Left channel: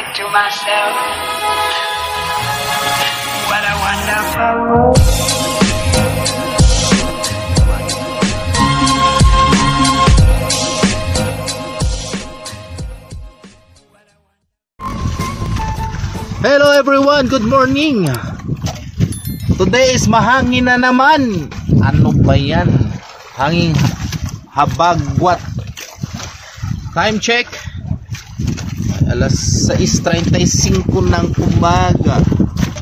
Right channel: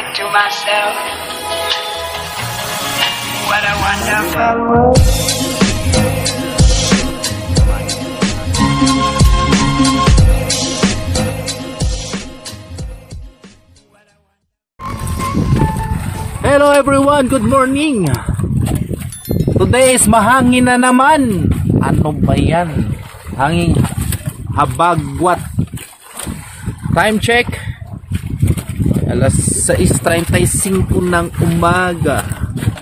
think to myself, what a wonderful world. Hello everyone, good morning. Today is mahangin na naman. Ano ba yan? Hanging habagwat. Time check, alas 6:35 ng umaga.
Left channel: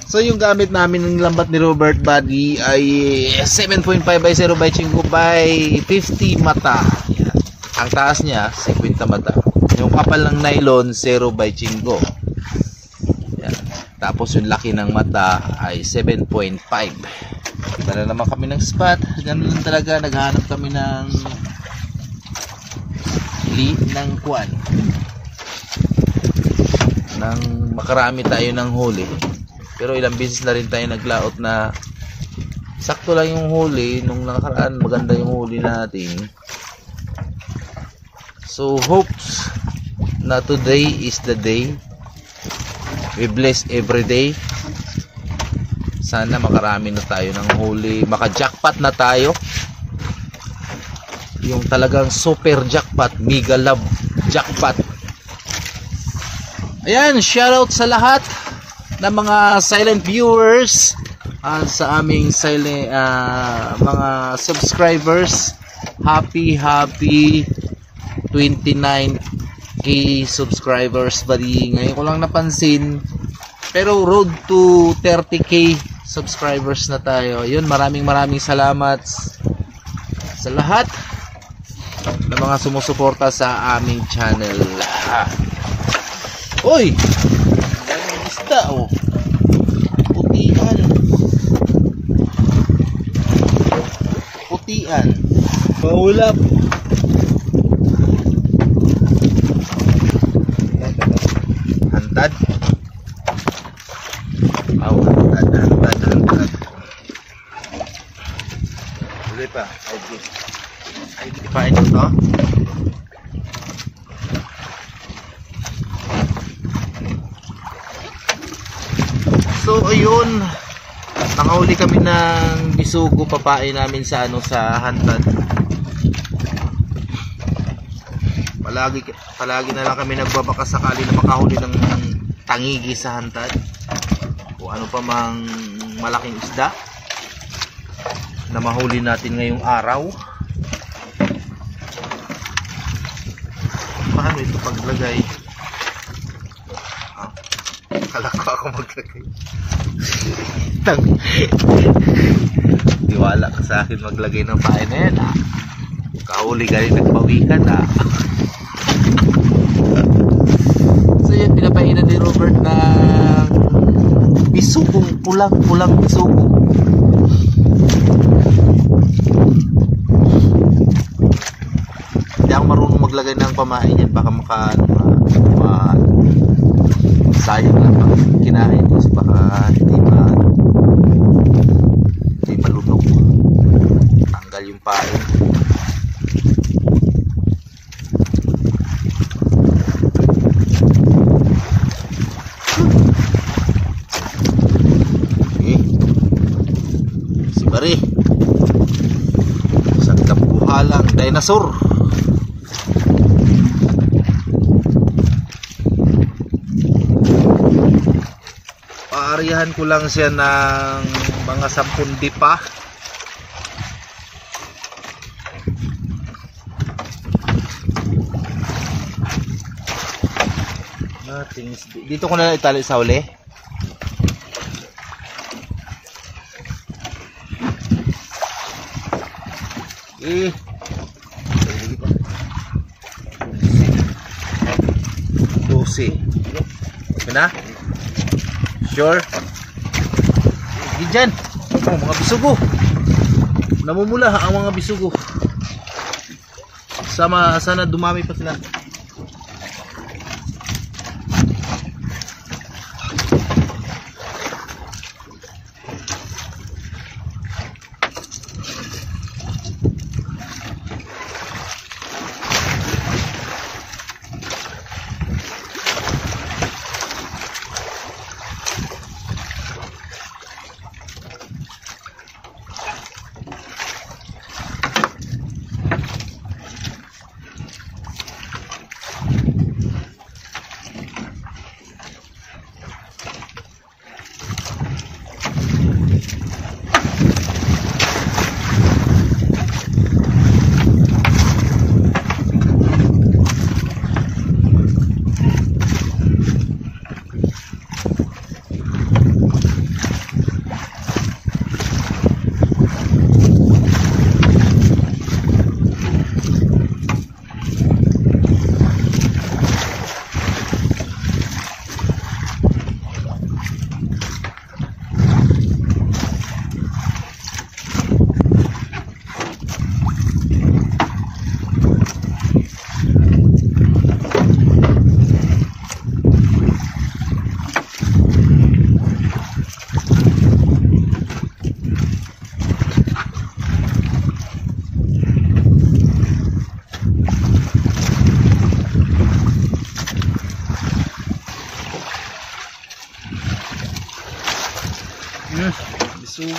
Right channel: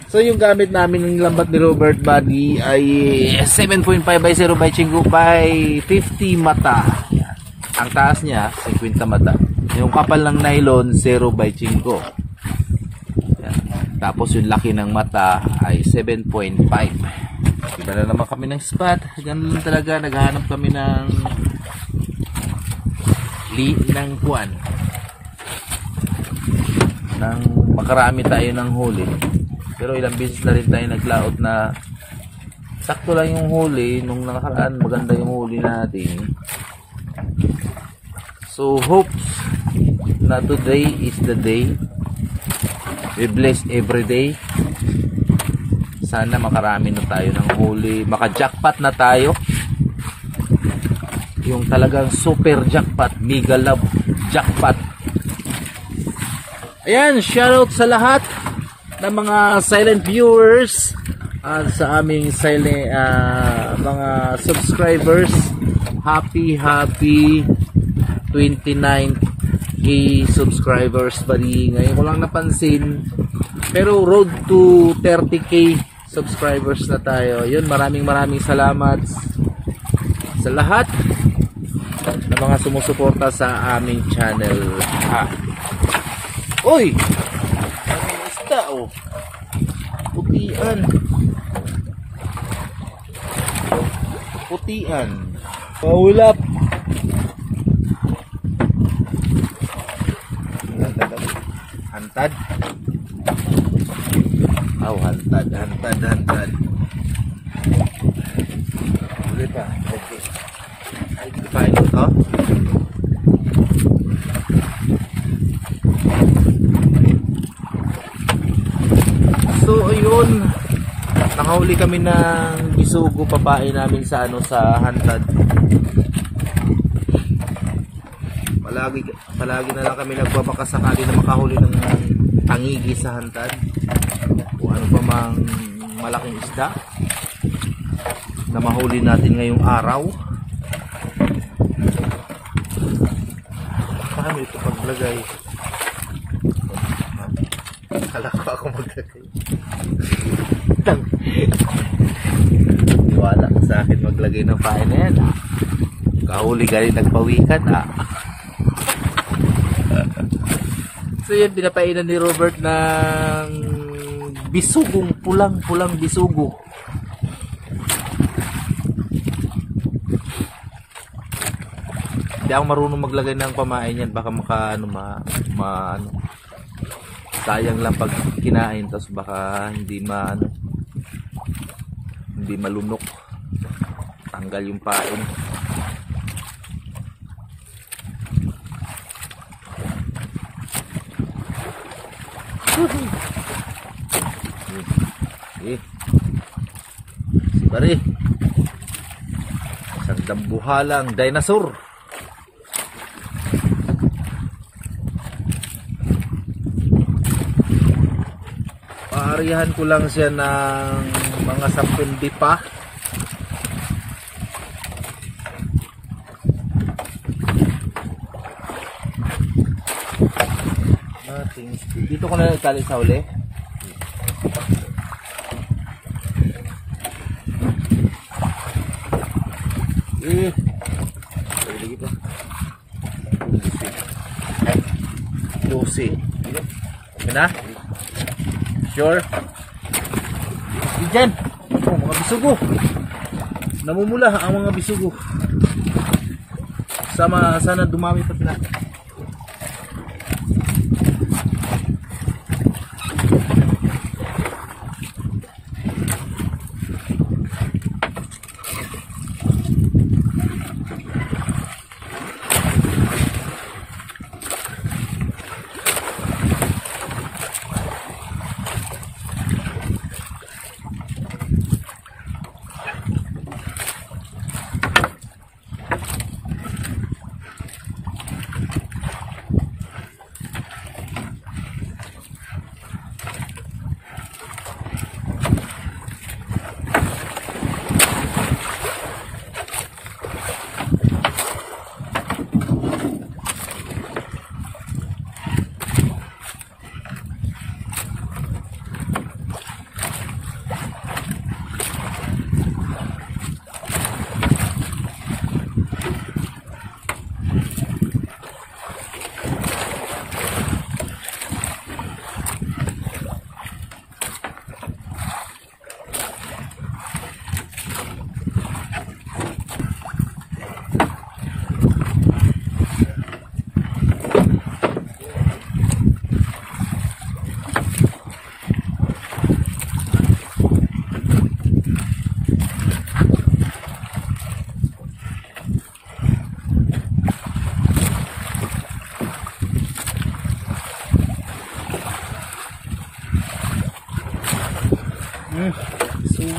So yung gamit namin ng lambat ni Robert Buddy ay 7.5 by 0 by Chingo by 50 mata. Yan. Ang taas niya 50 mata. Yung kapal ng nylon 0 by Chingo. Tapos yung laki ng mata ay 7.5. Iba na naman kami ng spot. Ganun lang talaga, naghahanap kami ng kuwan, nang makarami tayo ng huli. Pero ilang beses na rin tayo naglaot na sakto lang yung huli. Nung nakaraan maganda yung huli natin. So hopes na today is the day. We bless every day. Sana makarami na tayo ng huli. Maka-jackpot na tayo. Yung talagang super jackpot. Mega love jackpot. Ayan, shoutout sa lahat ng mga silent viewers at sa aming silent mga subscribers. Happy 29 subscribers buddy. Ngayon ko lang napansin, pero road to 30k subscribers na tayo. Yun, maraming salamat sa lahat ng mga sumusuporta sa aming channel. Oy, may isda oh, putian paulap. Hantad. Oh, hantad. Boleh pa. Ay, dipain mo to. So, ayun. Nakahuli kami ng bisugo, papain namin sa sa hantad. Palagi na lang kami nagbabaka sakali na makahuli ng tangigi sa hantad o ano pa mang malaking isda na mahuli natin ngayong araw. Paano ito paglagay? Kala ko ako maglagay. Tiwala ka sa akin maglagay ng pain na yan. Kahuli galing nagpawikan So yan, pinapainan ni Robert ng bisugong, pulang bisugo. Hindi ako marunong maglagay ng pamain yan. Baka sayang lang pag kinain. Tapos baka hindi malunok. Tanggal yung pain. Pare, isang kabuhalang dinosaur. Paarihan ko lang siya ng mga 10 dipa. Dito ko na itali sa uli. Lagi pa 12. Okay na? Sure? Diyan mga bisugo, namumula ang mga bisugo. Sana dumami pa sila.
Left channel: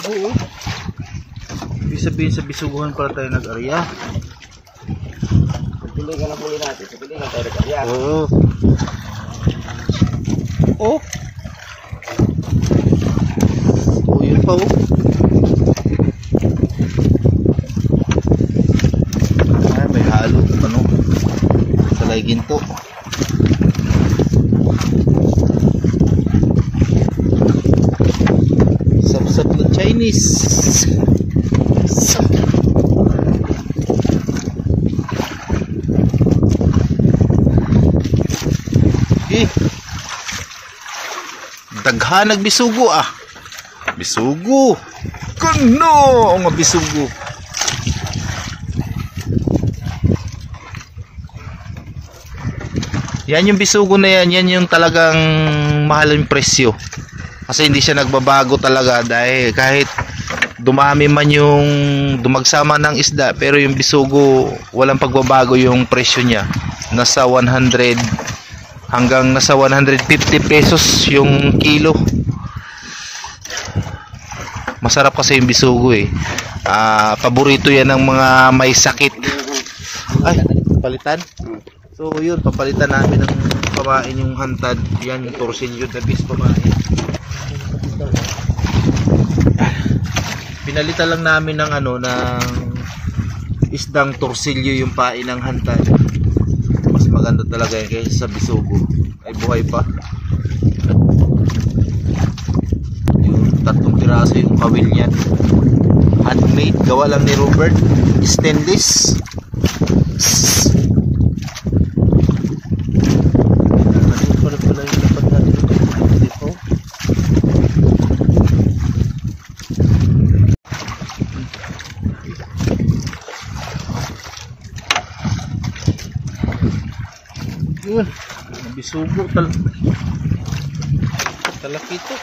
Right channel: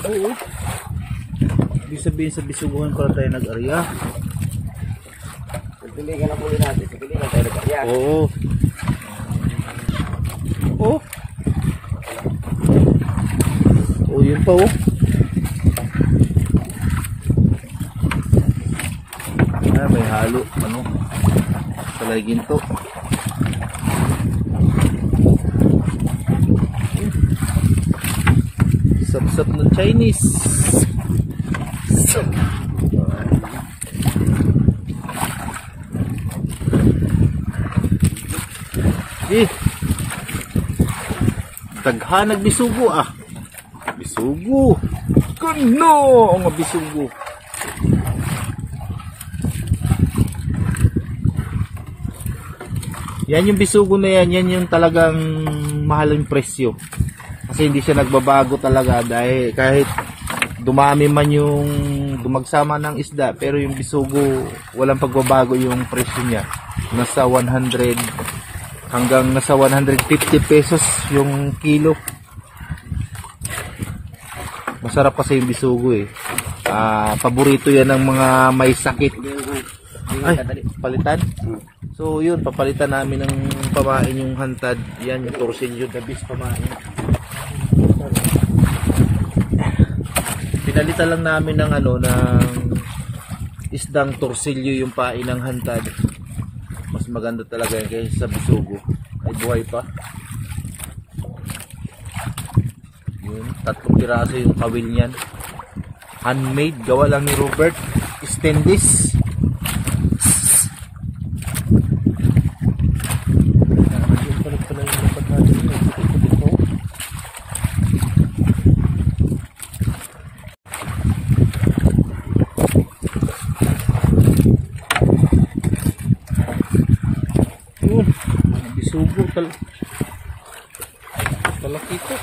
Oo. Ibig sabihin sa Bisuguhan pala tayo nag-arya. Tulingan ang huli natin. Sa tulingan tayo nag-arya. Oo. Oh. Oh, yun pa oh. Ah, may halo. Ano? Talay ginto. Sap-sap na Chinese. Daghan nagbisugo ah. Bisugo. Kuno ang bisugo. Yan yung bisugo na yan, yan yung talagang mahal yung presyo. Kasi hindi siya nagbabago talaga dahil kahit dumami man yung dumagsama ng isda, pero yung bisugo walang pagbabago yung presyo niya. Nasa 100 hanggang nasa 150 pesos yung kilo. Masarap kasi yung bisugo eh. Paborito yan ng mga may sakit. Ay, palitan. So yun, papalitan namin ng pamain yung hantad. Yan yung torsilyo, the best pamain. Pinalitan lang namin ng ano, ng isdang torsilyo yung pain ng hantad. Mas maganda talaga yan kaysa sa bisugo. Ay buhay pa. Yung 3 piraso yung kawil niyan. Handmade, gawa lang ni Robert. Stainless. Yun, bisugo talaki ito.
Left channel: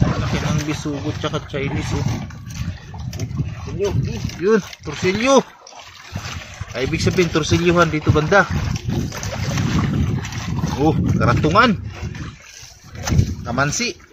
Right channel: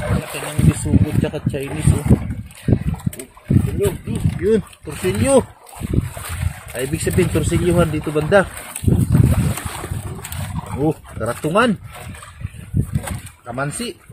Talaki ng bisugo tsaka Chinese oh. Yun, torsilyo. Ay, ibig sabihin torsilyohan dito banda. Oh, karatungan. Kamansi.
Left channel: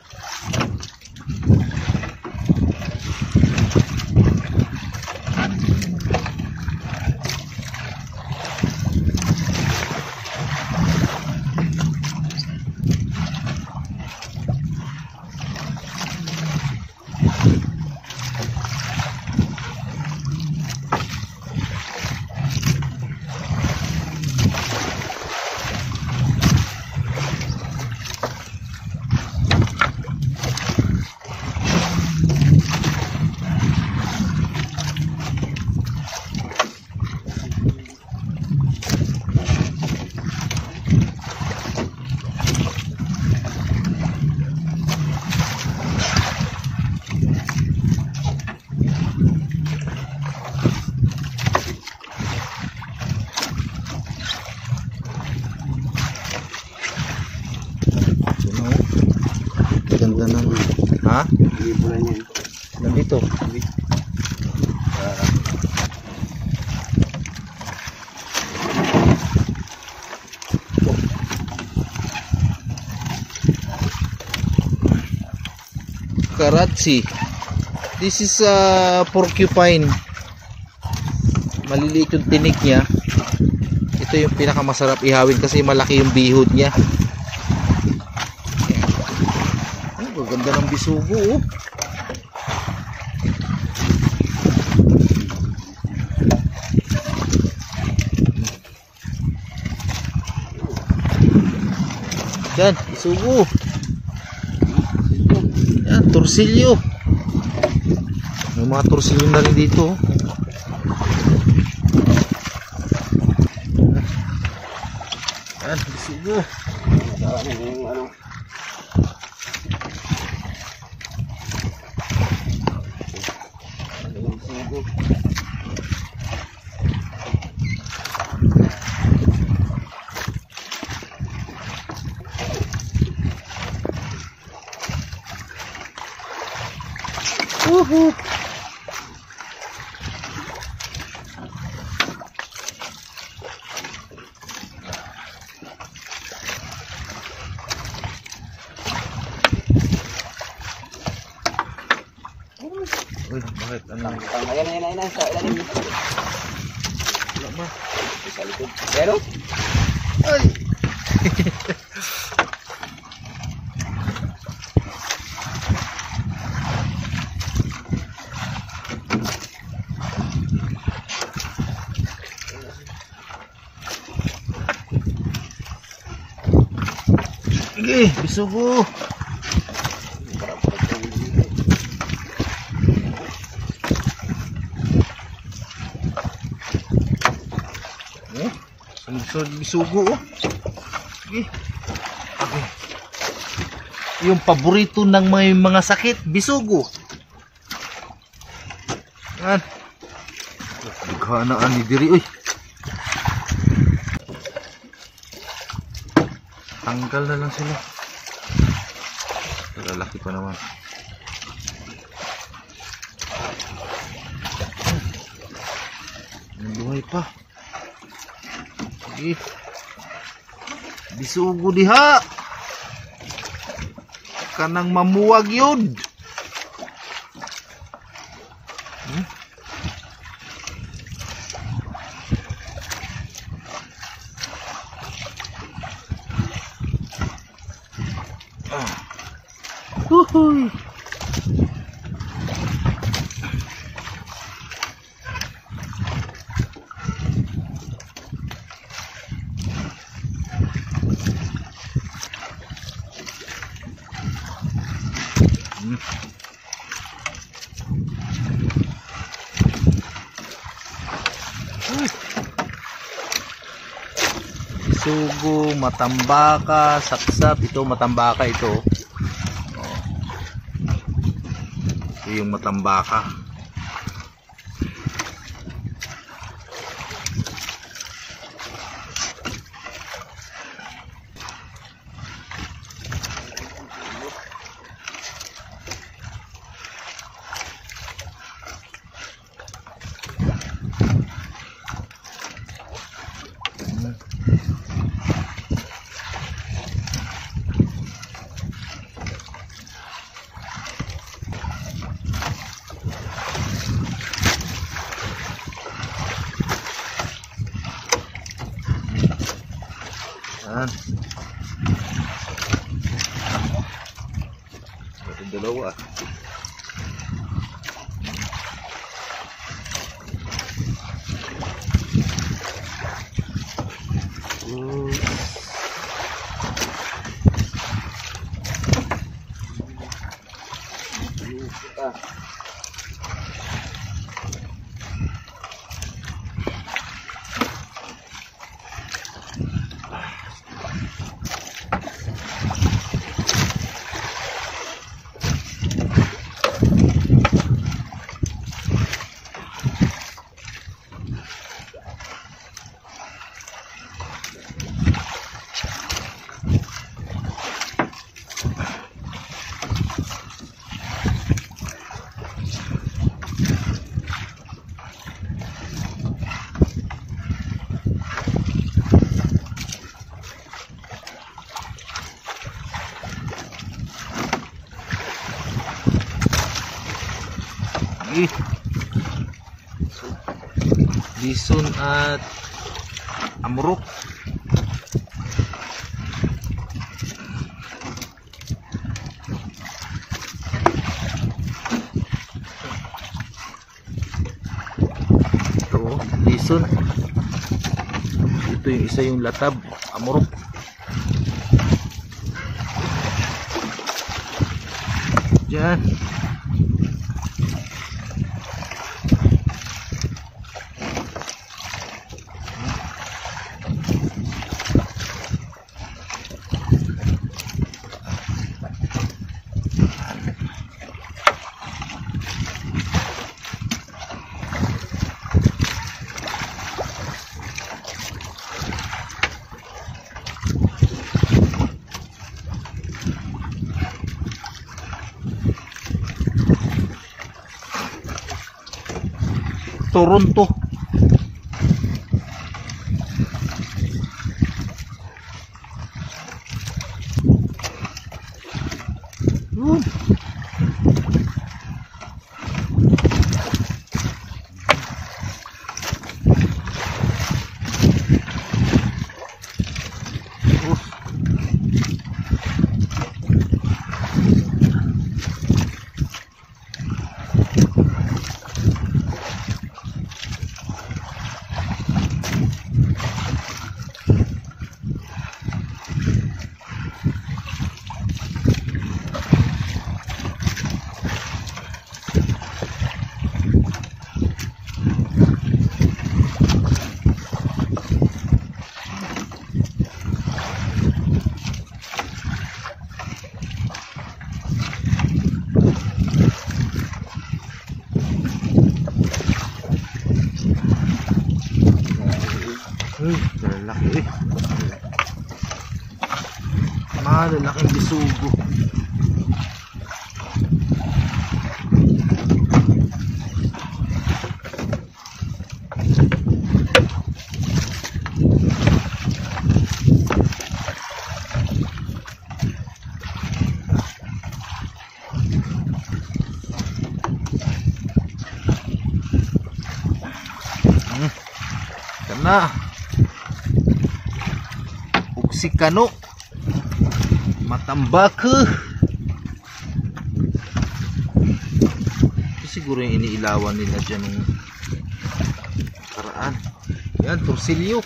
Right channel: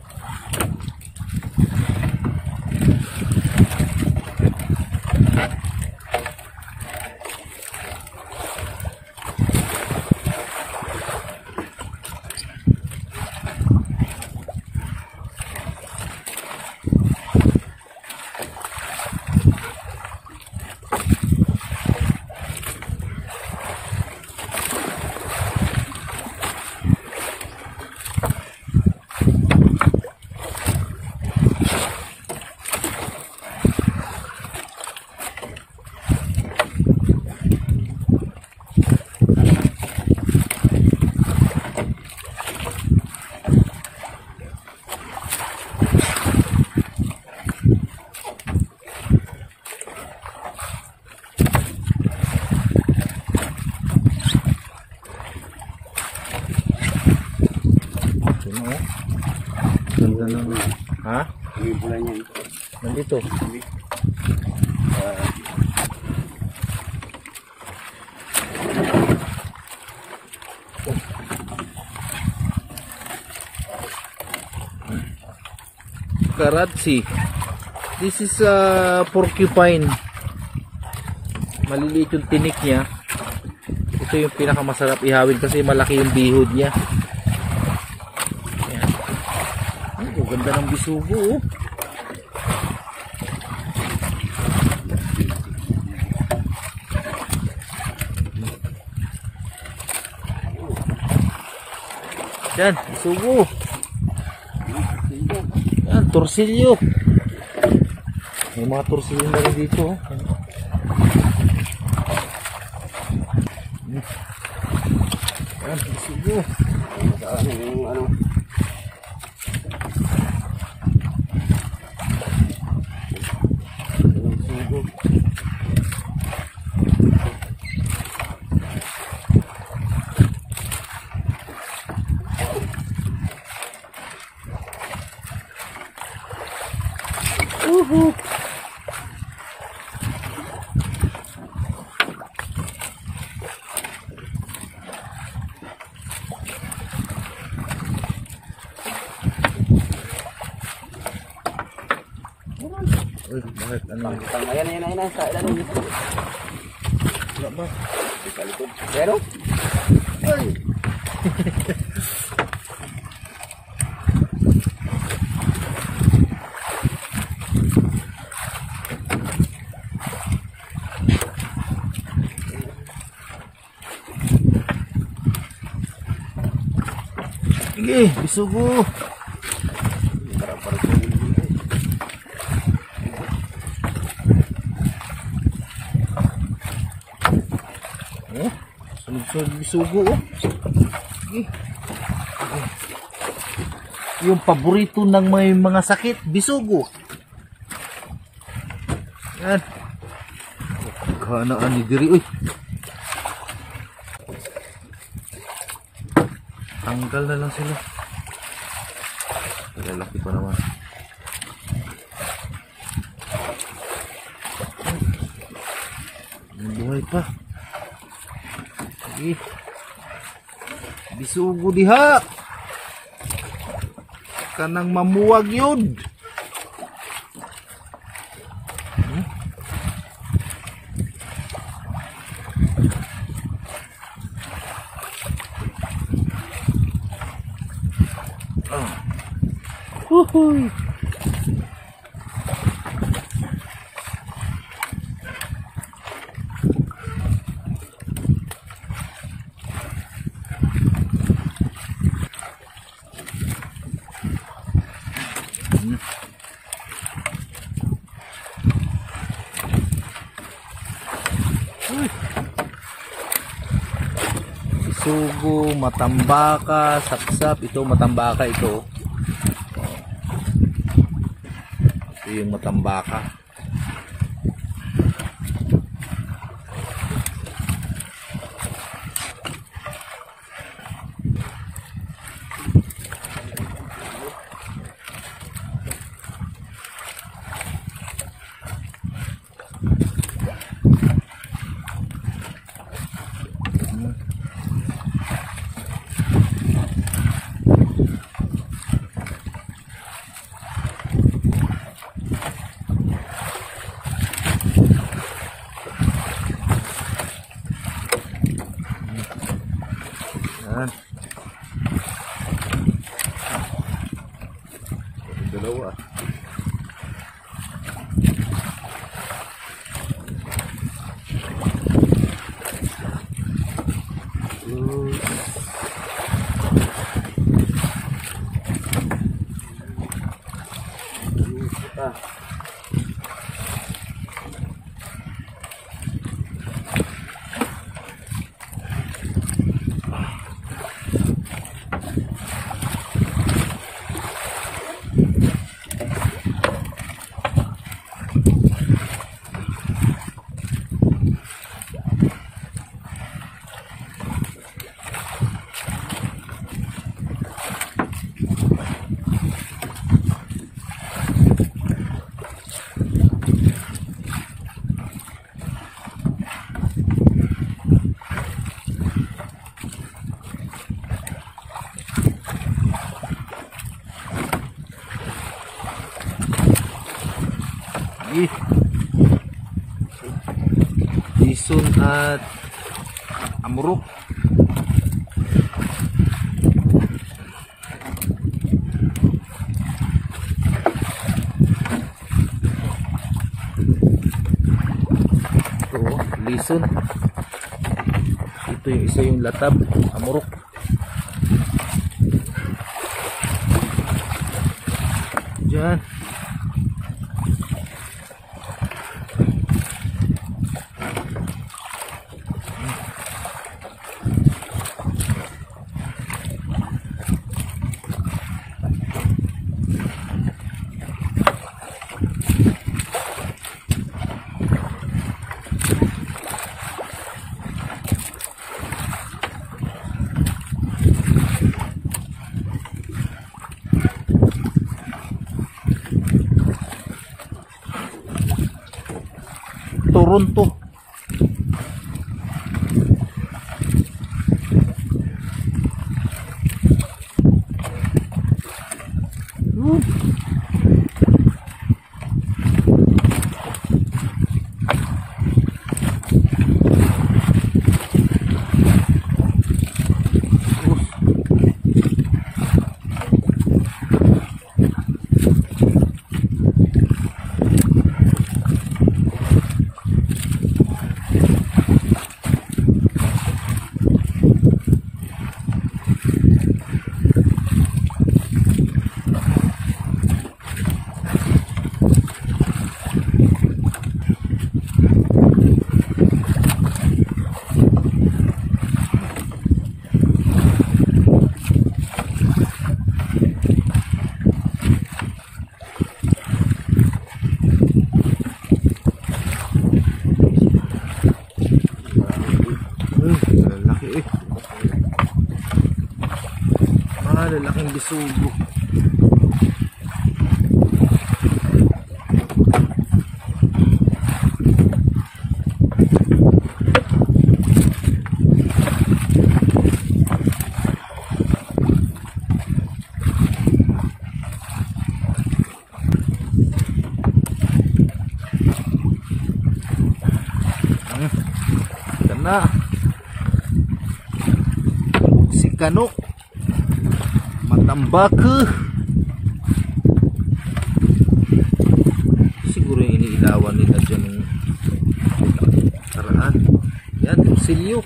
Ganda ng ha? Nandito. Karachi. This is a porcupine. Maliliit yung tinik niya. Ito yung pinakamasarap ihawin kasi malaki yung bihod niya. Ganda ng bisugo oh. Yan, bisugo. Yan, torsilyo. May mga torsilyo na rin dito oh. Yan, bisugo. Ano? Woohoo! Bakit? Ano? Ayan. Sa ilalim. Wala ba? Sa likod. Pero? Ay! Sige, bisugo. Parang sa ulo dito. Oh, sunod-sunod bisugo oh. Sige. Okay. Yung paborito ng mga sakit, bisugo. Yan. Naghanaan ni diri uy. Tanggal na lang sila. Lalaki pa naman. May buhay pa. Sige. Bisugo diha. Kanang mamuwag yun. Huhuy. Sugo, matambaka, sapsap. Ito matambaka ito. Ito yung matambaka. Yan. Yung dalawa. Bison at amurok. Ito bison. Ito yung isa yung latab, amurok. Diyan. Toronto. Malalaki eh. Malalaking bisugo. Na si Kano matambak ito siguro yung iniilawan nila dyan ng karaan. Yan, torsilyo.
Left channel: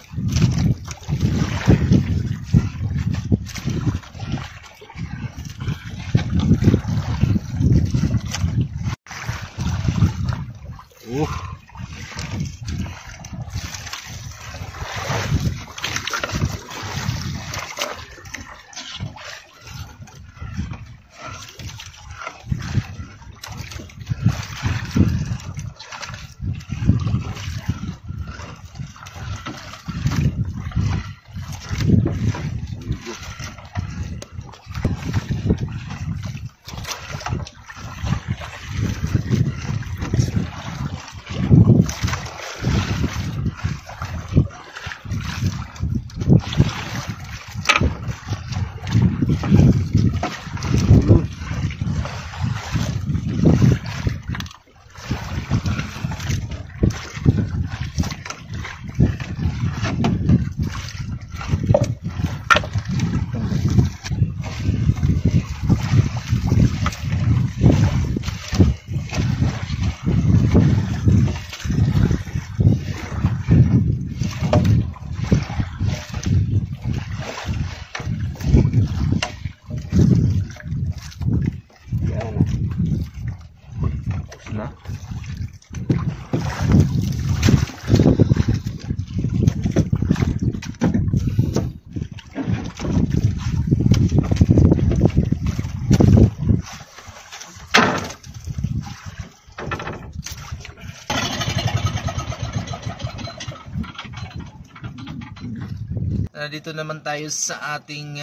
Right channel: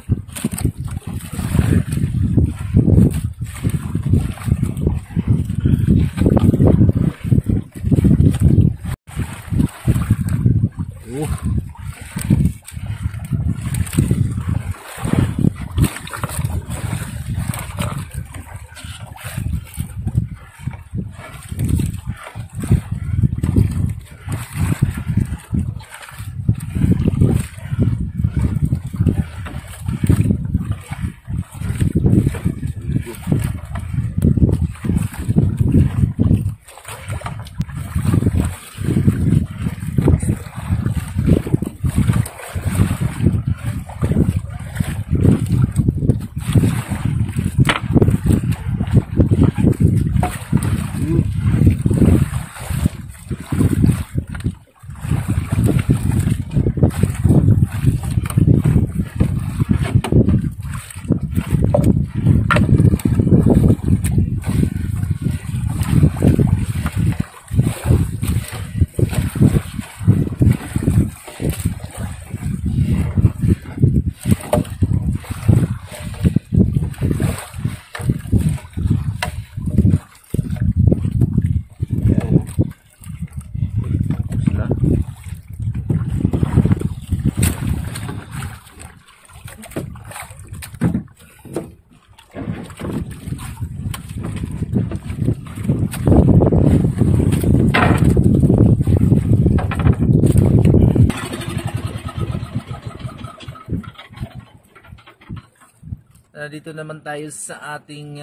Dito naman tayo sa ating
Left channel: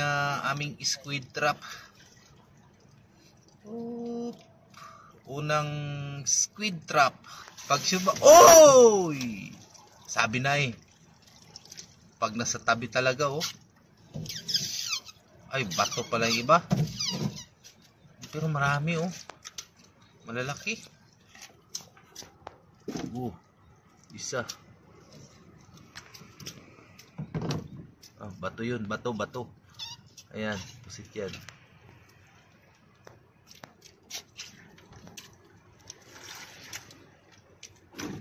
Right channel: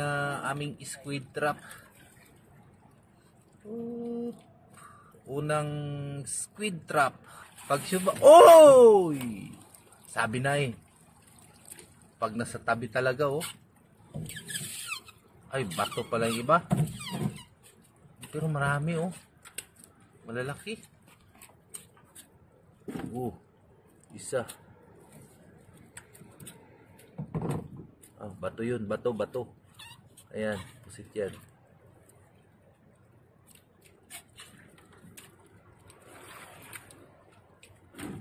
aming squid trap. Unang squid trap. Pag suba, oy! Sabi na eh. Pag nasa tabi talaga oh. Ay, bato pala yung iba. Pero marami oh. Malalaki. Isa. Bato yun, bato. Ayan, pusit yan.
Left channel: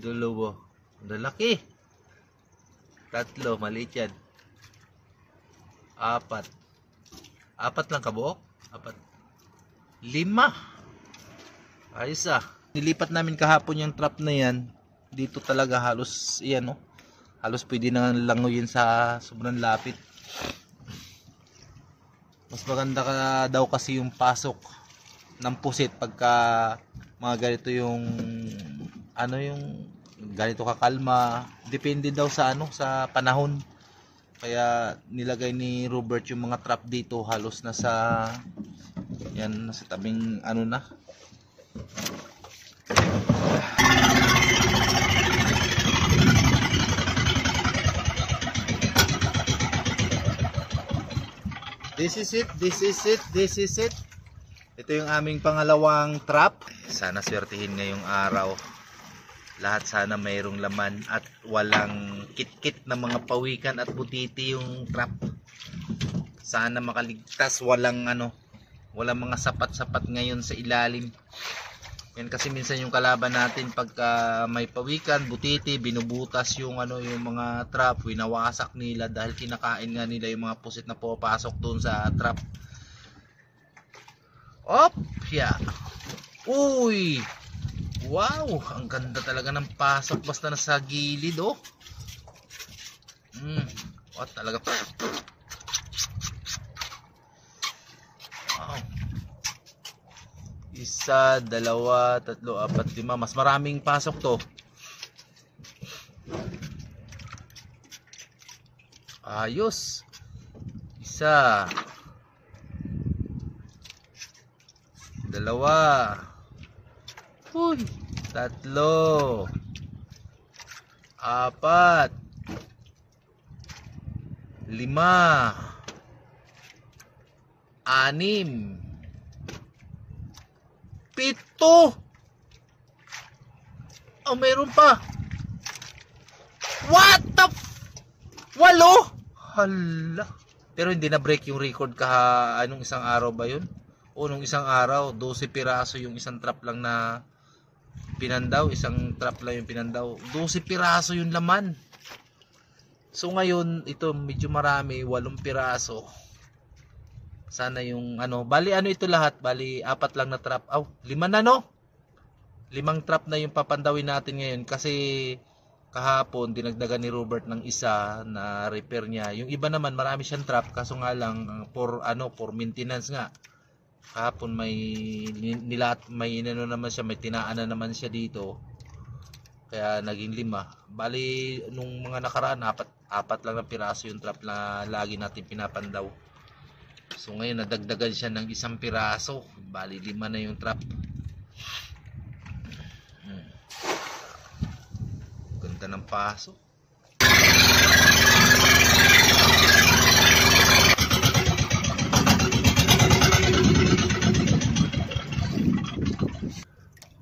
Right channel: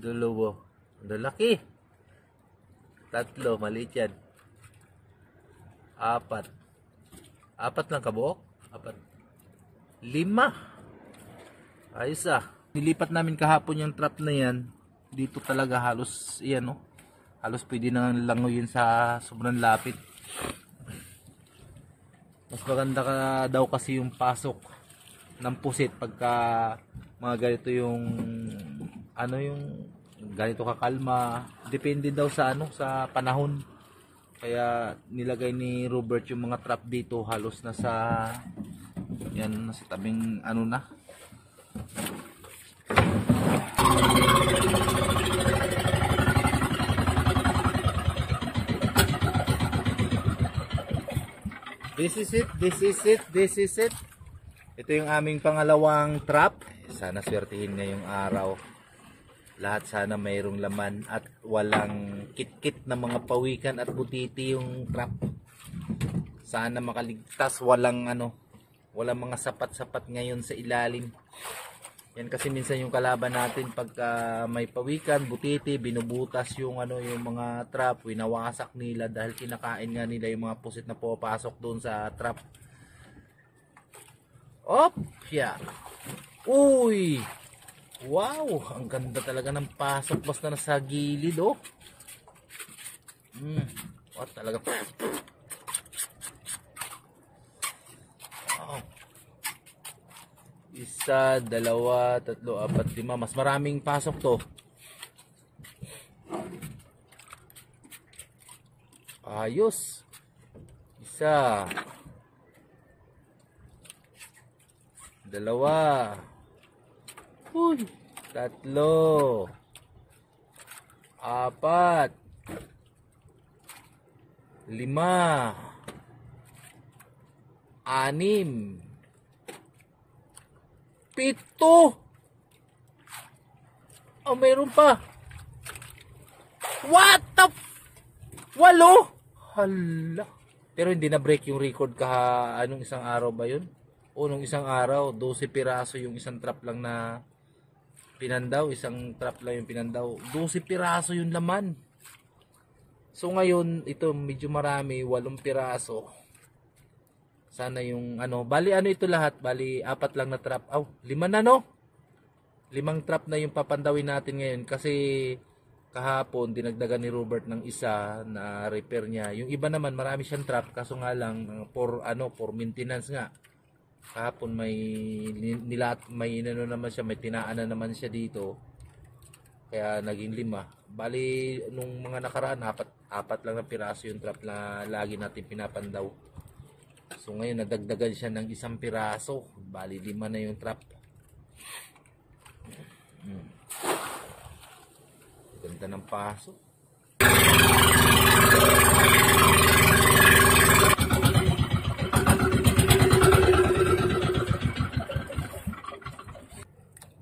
Dalawa. Lalaki. Tatlo, maliit yan. Apat lang kabuok? 5. Ayos ah. Nilipat namin kahapon yung trap na yan. Dito talaga halos yan oh. Halos pwede na langoyin sa sobrang lapit. Mas maganda ka daw kasi yung pasok ng pusit pagka mga ganito yung yung ganito kakalma. Depende daw sa sa panahon. Kaya nilagay ni Robert yung mga trap dito halos nasa nasa tabing na. This is it. Ito yung aming pangalawang trap. Sana swertihin ngayong araw. Lahat sana mayroong laman at walang kit-kit na mga pawikan at butiti yung trap. Sana makaligtas, walang mga sapat-sapat ngayon sa ilalim. Yan kasi minsan yung kalaban natin pagka may pawikan, butiti, binubutas yung yung mga trap, winawasak nila dahil kinakain nga nila yung mga pusit na pupasok doon sa trap. Op, yeah. Uy. Wow, ang ganda talaga ng pasok basta nasa gilid oh. What talaga. Wow. 1, 2, 3, 4, 5. Mas maraming pasok to. Ayos. Isa. Dalawa. Uy. Tatlo. Apat. Lima. Anim. Pito. Oh, mayroon pa. What the Walo. Hala. Pero hindi na break yung record anong isang araw ba yun? O nung isang araw, 12 piraso yung isang trap lang na pinandaw. Isang trap lang yung pinandaw. 12 piraso yung laman. So ngayon, ito medyo marami, 8 piraso. Sana yung bali ito lahat, bali 4 lang na trap. 5 na 5 trap na yung papandawin natin ngayon kasi kahapon dinagdagan ni Robert ng isa na repair niya. Yung iba naman marami siyang trap kaso nga lang for maintenance nga. Kahapon may naman siya, may tinaan na naman siya dito. Kaya naging 5. Bali nung mga nakaraan apat lang na piraso yung trap na lagi natin pinapandaw. So ngayon nadagdagan siya ng 1 piraso. Bali 5 na yung trap. Ganda ng paso.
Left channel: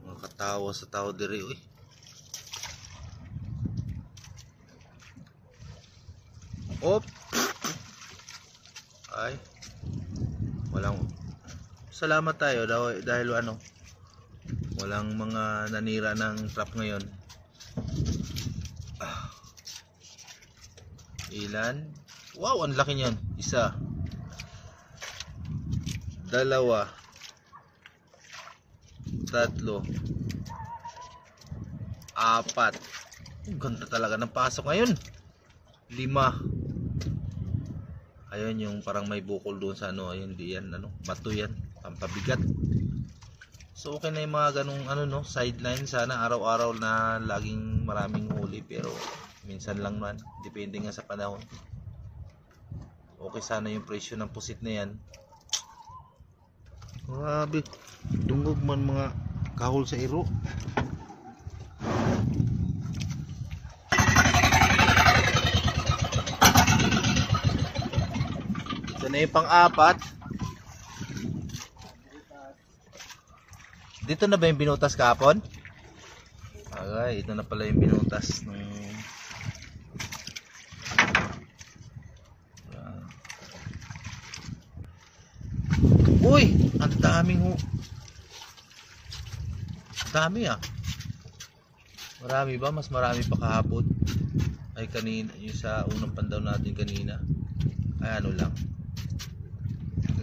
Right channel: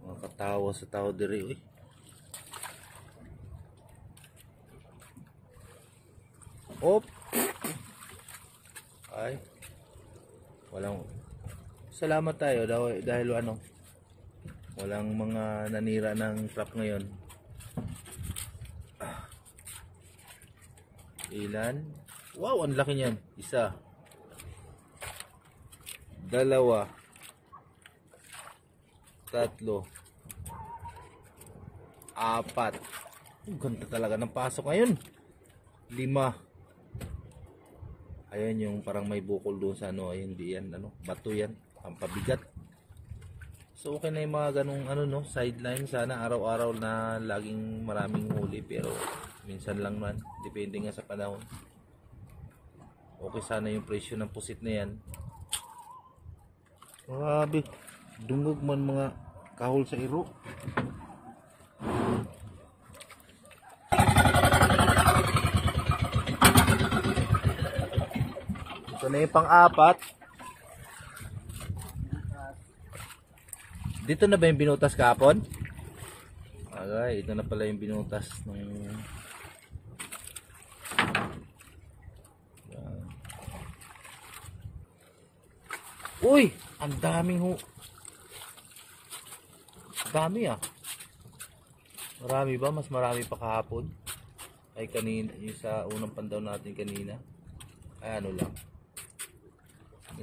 Mga katawa sa tao diri oy. Op. Ay. Walang salamat tayo dahil walang mga nanira ng trap ngayon. Ilan? Wow, ang laki niyan. 1, 2, 3, 4. Ganda talaga ng pasok ngayon. 5. Ayun yung parang may bukol doon sa ayun, di yan bato yan, pampabigat. So okay na yung mga ganung sideline. Sana araw-araw na laging maraming huli, pero minsan lang naman, depende nga sa panahon. Okay sana yung presyo ng pusit na yan. Grabe, dungog man mga kahol sa iro. Ito na yung pang-4. Dito na ba yung binutas kahapon? Okay, ito na pala yung binutas ng Uy, ang daming dami Marami ba? Mas marami pa kahapon. Ay kanina, yung sa unang pandaw natin kanina. Ay lang.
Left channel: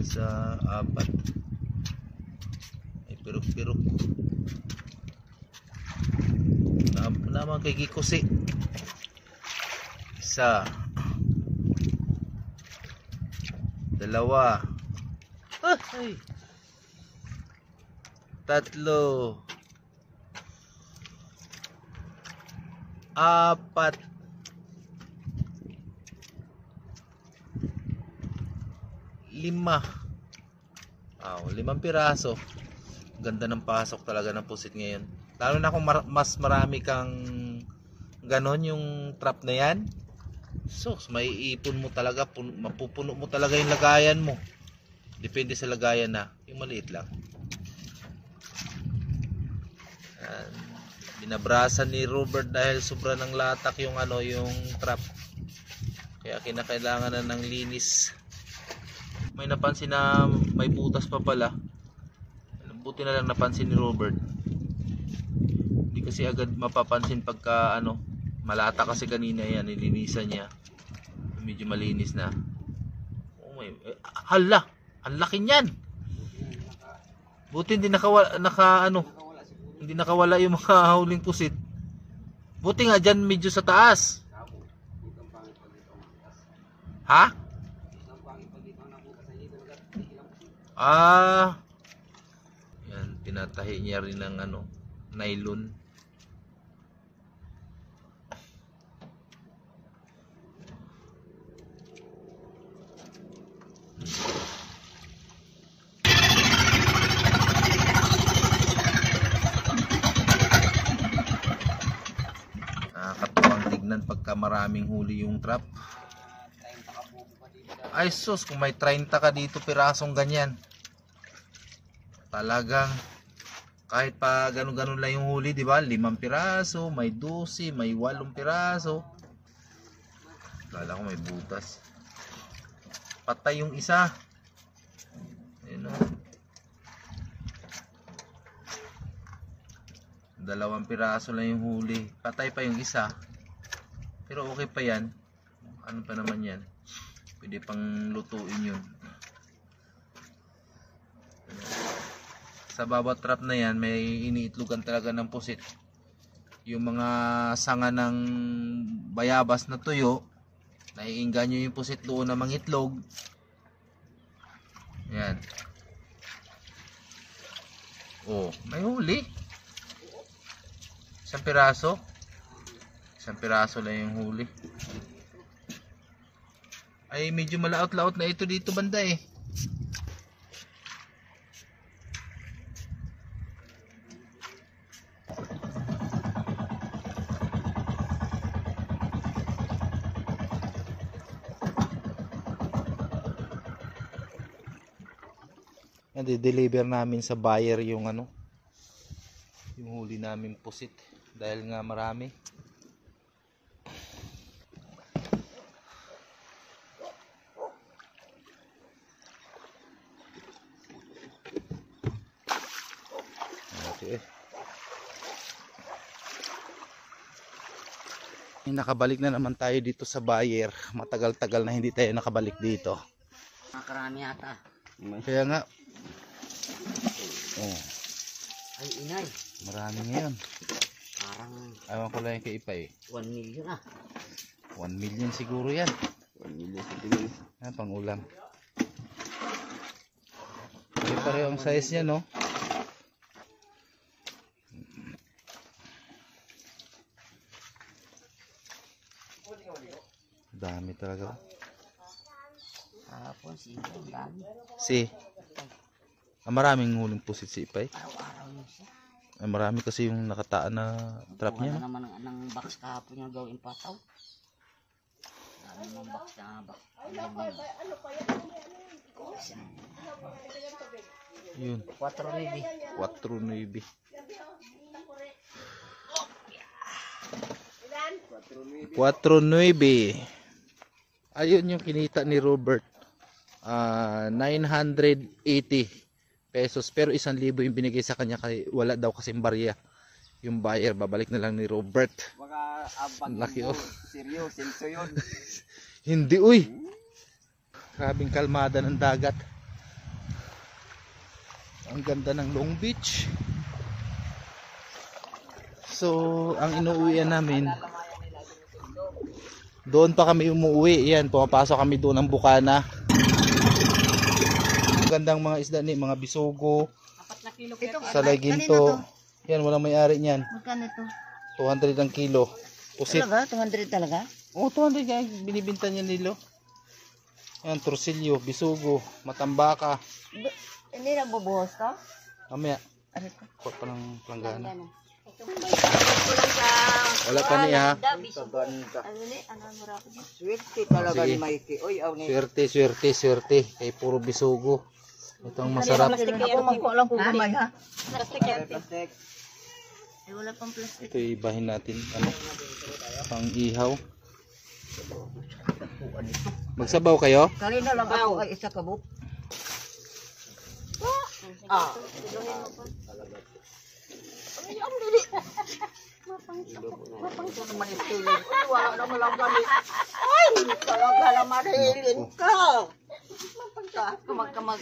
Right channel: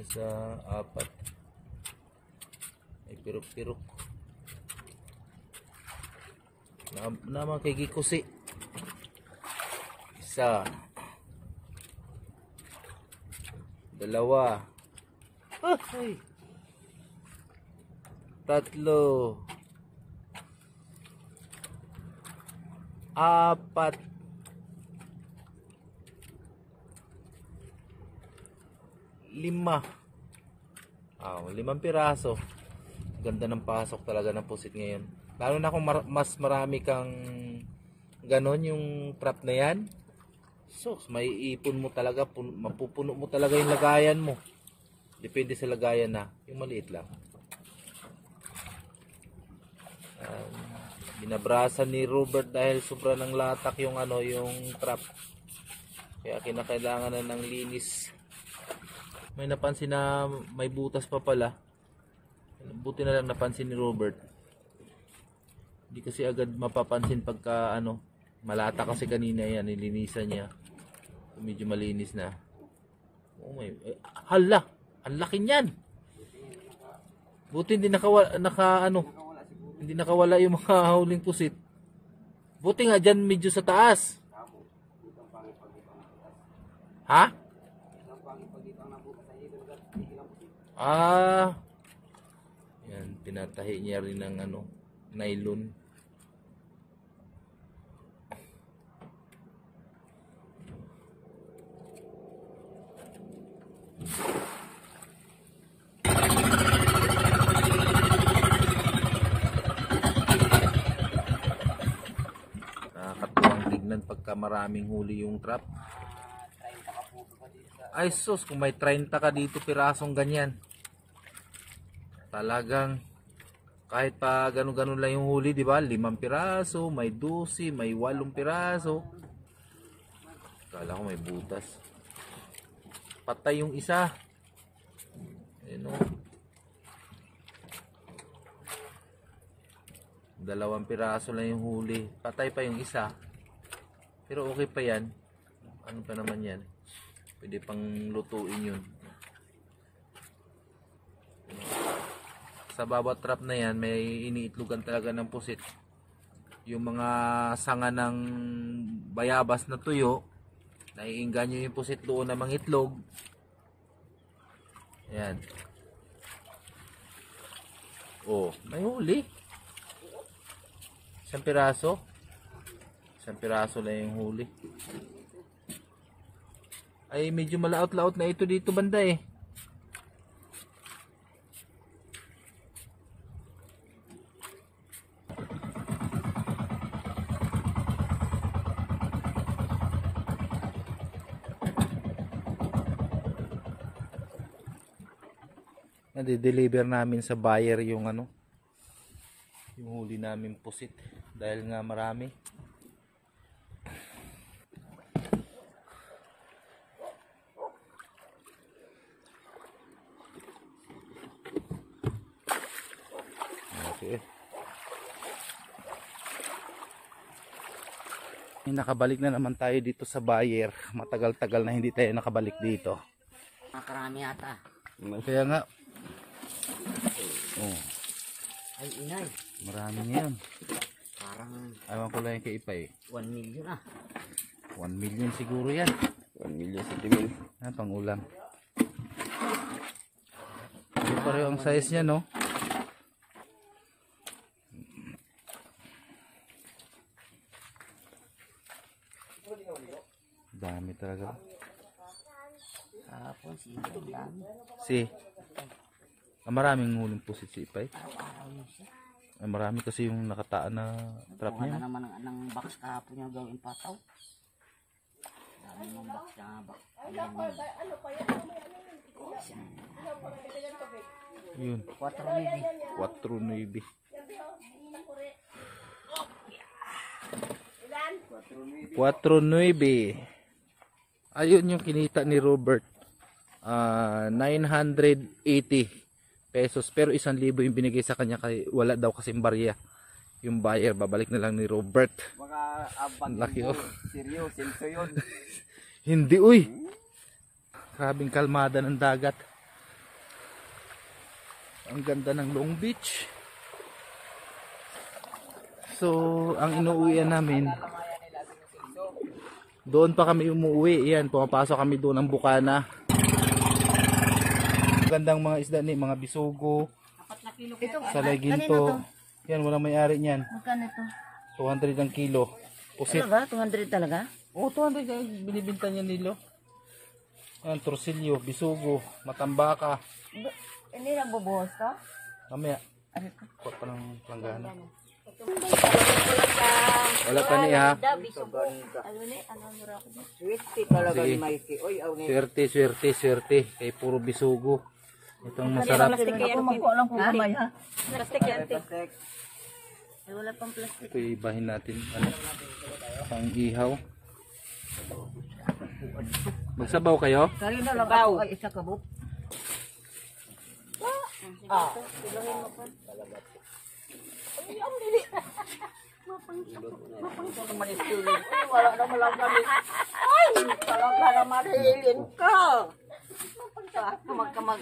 Sa 4. Ay pirok-pirok. Naman kay Gikusi. 1, 2. Ay. 3, 4. 5. 5 piraso. Ganda ng pasok talaga ng pusit ngayon. Lalo na kung mas marami kang ganon yung trap na yan. So, may ipon mo talaga, mapupuno mo talaga yung lagayan mo. Depende sa lagayan na, yung maliit lang. Binabrasan ni Robert dahil sobra ng latak yung yung trap. Kaya kinakailangan na ng linis. May napansin na may butas pa pala. Buti na lang napansin ni Robert. Hindi kasi agad mapapansin pagka malata kasi kanina yan, nilinisan niya. Medyo malinis na. Oh my, hala, ang laki niyan. Buti hindi hindi nakawala yung mga huling pusit. Buti nga dyan medyo sa taas. Ha? Yan, pinatahi niya rin ng nylon. Pagka maraming huli yung trap. Ay sus, kung may 30 ka dito pirasong ganyan. Talagang kahit pa ganun-ganun lang yung huli, di ba? 5 piraso, may 12, may 8 piraso. Kala ko may butas. Patay yung isa. Ayun o. 2 piraso lang yung huli. Patay pa yung isa. Pero okay pa yan. Ano pa naman yan? Pwede pang lutuin yun. Sa bawat trap na yan, may iniitlogan talaga ng pusit. Yung mga sanga ng bayabas na tuyo, naiinganyo yung pusit doon na mangitlog. Yan. Oh, may huli. 1 piraso. 1 piraso lang yung huli. Ay, medyo malaot-laot na ito dito banda eh. Nade-deliver namin sa buyer yung ano, yung huli namin pusit dahil nga marami. Okay. Nakabalik na naman tayo dito sa buyer. Matagal-tagal na hindi tayo nakabalik dito. Makarami yata. Kaya nga. Oh, Ay, inay. marami ngayon. Parang Ewan ko lang yung kay Ipay. 1 million ah. 1 million siguro yan. 1 million centimeter. Pang ulam. Hindi pareho ang size niya, no? Dami talaga. Hapon, siya ang dami. Maraming huling pusit si Ipay. Araw-araw yun siya. Marami kasi yung nakataan na trap Kung ano niya. naman ang box kahapon yung gawin pataw. Dami ng box na box. Yun. 4 4.9. Ayun yung kinita ni Robert. 980 pesos. Pero 1,000 yung binigay sa kanya kasi wala daw kasing barya. Yung buyer, babalik na lang ni Robert. Baka abang Laki, oh. Seryo, senso yun. Hindi, uy. Grabing kalmada ng dagat. Ang ganda ng Long Beach. So, ang inuuwian namin, doon pa kami umuwi. Yan, pumapasok kami doon ng Bukana. Gandang mga isda ni, mga bisugo, salay ginto. Yan, walang may-ari niyan. Magkano ito? 200 ang kilo. Pusit. Talaga? 200 talaga? Oo, 200 kaya binibinta niya nilo. Yan, torsilyo, bisugo, matambaka. Hindi na bubuhos to? Mamaya, Ano ito? kuha pa ng planggana. Wala pa niya. Ano ni? Ano ang mura ko dyan? Swerte talaga Sige. ni Mikey. Oy, aw ni. Swerte. Kay puro bisugo. Itong masarap. Ako magkuha lang kung kamay ha? Plastic. Ay, wala pang plastic. Ito ibahin natin. Ano? Pang ihaw. Magsabaw kayo? Kanina lang ako ay isa kabuk. Ah. Mapangsa naman ipiling. Ay, wala naman lang kami. Ay, talaga naman hilin ka. Mapangsa. Kamag-kamag.